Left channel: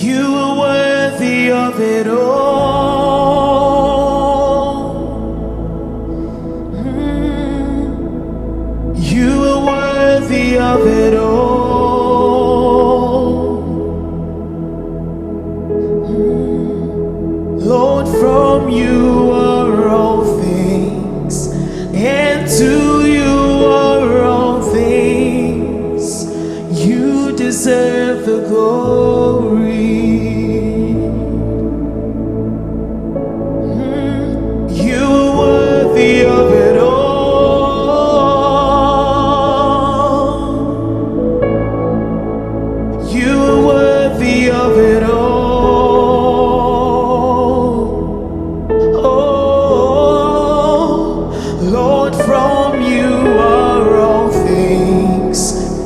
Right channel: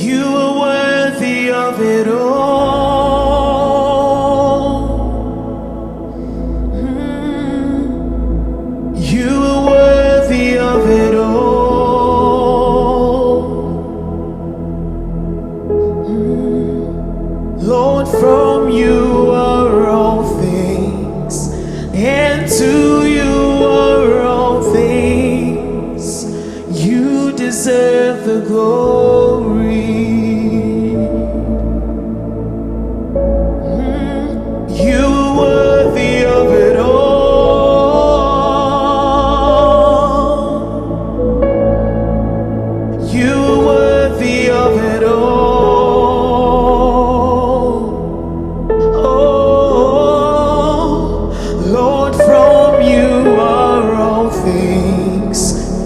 You are worthy of it all. You are worthy of it all. Lord, from you are all things, and to you are all things. You deserve the glory. You are worthy of it all. You are worthy of it all. Oh, Lord, from you are all things,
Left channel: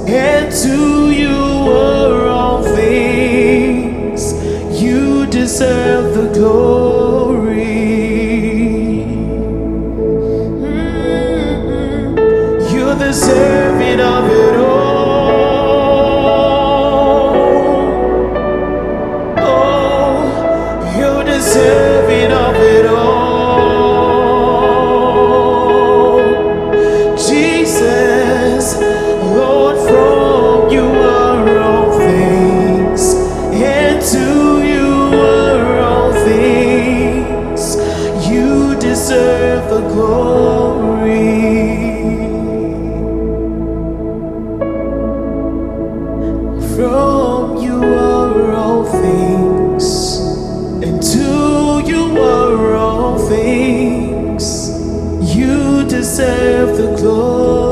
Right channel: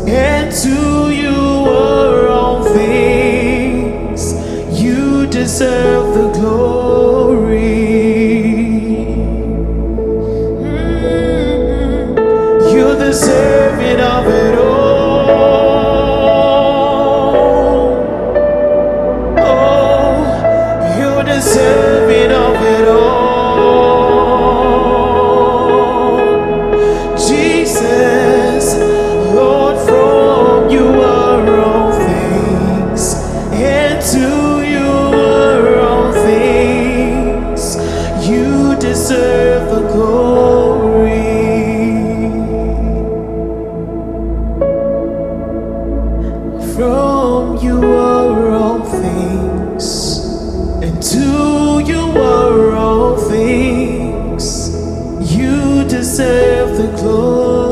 and to you are all things. You deserve the glory. You're deserving of it all. Oh, you're deserving of it all. Jesus, Lord, from you are all things, and to you are all things. You deserve the glory. From you are all things, and to you are all things. You deserve the glory.